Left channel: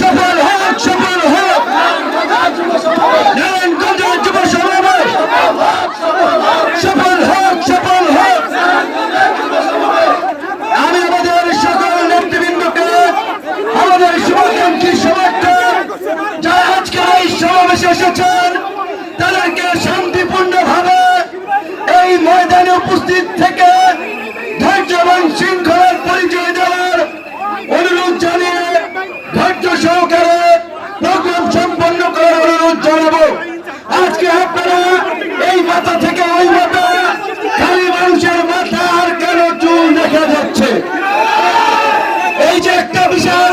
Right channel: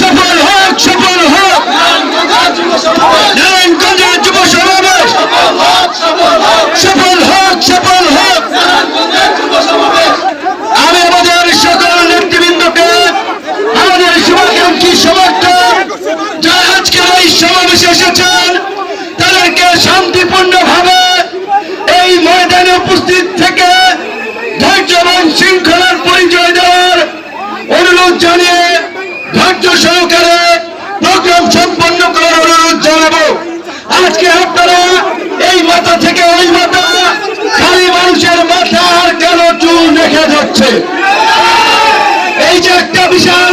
সফল হোক, সফল হোক নারায়ণগঞ্জের যুব সমাবেশ, সফল হোক, সফল হোক। আমি আমাদের সকল নেতৃবৃন্দকে, আমাদের শুভাকাঙ্ক্ষী সমর্থক যারা আজকে এই সমাবেশে এসেছেন, তাদেরকে শান্তিপূর্ণভাবে এই ময়দানে উপস্থিত থেকে ধৈর্য এবং শৃঙ্খলার পরিচয় দেওয়ার অনুরোধ জানিয়ে ধৈর্য সহকারে প্রোগ্রাম সম্পন্ন করার অনুরোধ জানাবো। আজকে আপনারা এই মাথা থেকে ওই মাথা, খালি মানুষের মাথা আর কেন চুল দেখা যাচ্ছে, এই যে একটা বিশাল